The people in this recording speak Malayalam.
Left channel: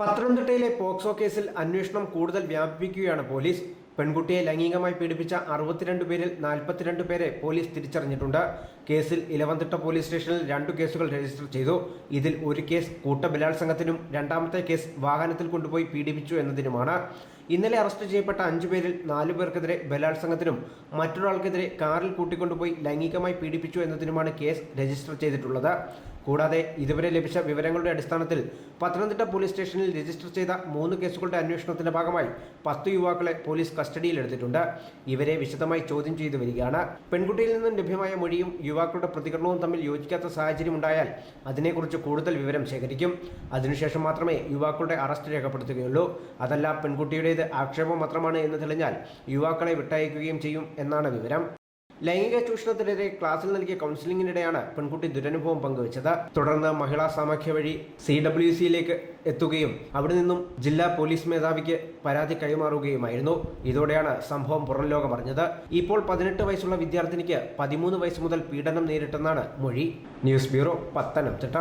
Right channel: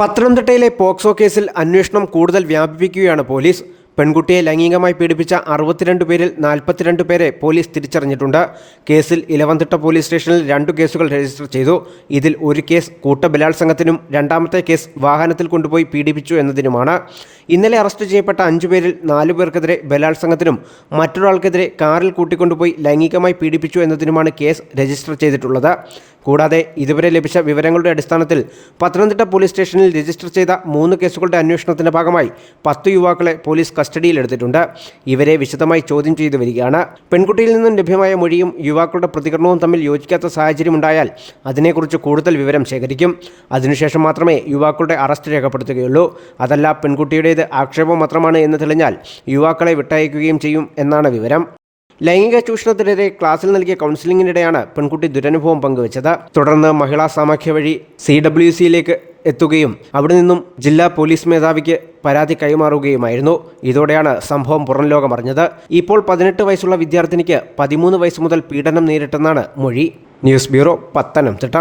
പത്തനംതിട്ടയിലെ പോക്സോ കേസിൽ അന്വേഷണം കൂടുതൽ വ്യാപിപ്പിക്കുകയാണ് പോലീസ്. പെൺകുട്ടിയെ ലൈംഗികമായി പീഡിപ്പിച്ച അറുപത്തിരണ്ട് പേരിൽ നാൽപ്പത്തിരണ്ട് പേരെ പോലീസ് തിരിച്ചറിഞ്ഞിട്ടുണ്ട്. കേസിൽ ഇലവന്തിട്ട പോലീസ് സ്റ്റേഷനിൽ രണ്ടു കേസുകൾ രജിസ്റ്റർ ചെയ്തു. ഇതിൽ ഒരു കേസ് കൂട്ടബലാത്സംഗത്തിനും രണ്ടാമത്തെ കേസ് വാഹനത്തിൽ കൊണ്ടുപോയി പീഡിപ്പിച്ചു എന്നതിനുമാണ്. ഇന്നലെ അറസ്റ്റ് ചെയ്യപ്പെട്ട അഞ്ചു പേരിൽ നാലു പേർക്കെതിരെ ബലാത്സംഗത്തിനും മറ്റൊരാൾക്കെതിരെ കാറിൽ കൂട്ടിക്കൊണ്ടുപോയി ലൈംഗികമായി പീഡിപ്പിച്ചു എന്നതിനുമാണ് കേസ് രജിസ്റ്റർ ചെയ്തിട്ടുള്ളത്. കൂടാതെ ഇതുവരെ ലഭിച്ച വിവരങ്ങളുടെ അടിസ്ഥാനത്തിൽ പത്തനംതിട്ട പോലീസ് സ്റ്റേഷനിൽ രജിസ്റ്റർ ചെയ്ത മൂന്ന് കേസുകളുടെ അന്വേഷണത്തിന്റെ ഭാഗമായി പത്ത് യുവാക്കളെ പോലീസ് കസ്റ്റഡിയിലെടുത്തിട്ടുണ്ട്. ഇവരെ വിശദമായി ചോദ്യം ചെയ്തു വരികയാണ്. പെൺകുട്ടിയിൽ നിന്നും ലഭ്യമായ മൊഴിയും യുവാക്കളുടെ പ്രതികരണവും തമ്മിൽ യോജിക്കാത്ത സാഹചര്യമുണ്ടായാൽ അതിനെക്കുറിച്ച് കൂടുതൽ വിവരം ശേഖരിക്കും. അതിനുശേഷം മാത്രമേ യുവാക്കളുടെ അറസ്റ്റ് രേഖപ്പെടുത്തുകയുള്ളൂ. അതല്ല പെൺകുട്ടിയുടേത് ആക്ഷേപം മാത്രമാണ് എന്ന് തെളിഞ്ഞാൽ യുവാക്കളെ വിട്ടയക്കുകയും ചെയ്യും എന്നാണ് വിവരം. ലൈംഗിക ചൂഷണത്തിനെതിരെ ക്ലാസ്സിൽ നൽകിയ കൗൺസിലിംഗിനിടെയാണ് പെൺകുട്ടി ദുരനുഭവം പങ്കുവച്ചത്. തുടർന്ന് മഹിളാ സാമഖ്യ വഴി സി ഡബ്ല്യു സിയിലേക്ക് എത്തുകയും അവിടെ നിന്നും ജില്ലാ പോലീസ് മേധാവിക്ക് പരാതി കൈമാറുകയുമായിരുന്നു. ഇതോടെയാണ് സംഭവം പുറം ലോകമറിഞ്ഞത് ഇപ്പോൾ പതിനെട്ട് വയസ്സുള്ള വിദ്യാർത്ഥിനിക്ക് പതിമൂന്ന് വയസ്സ് മുതൽ പീഡനം നേരിട്ടെന്നാണ് മൊഴി. News bureau Pathanamthitta.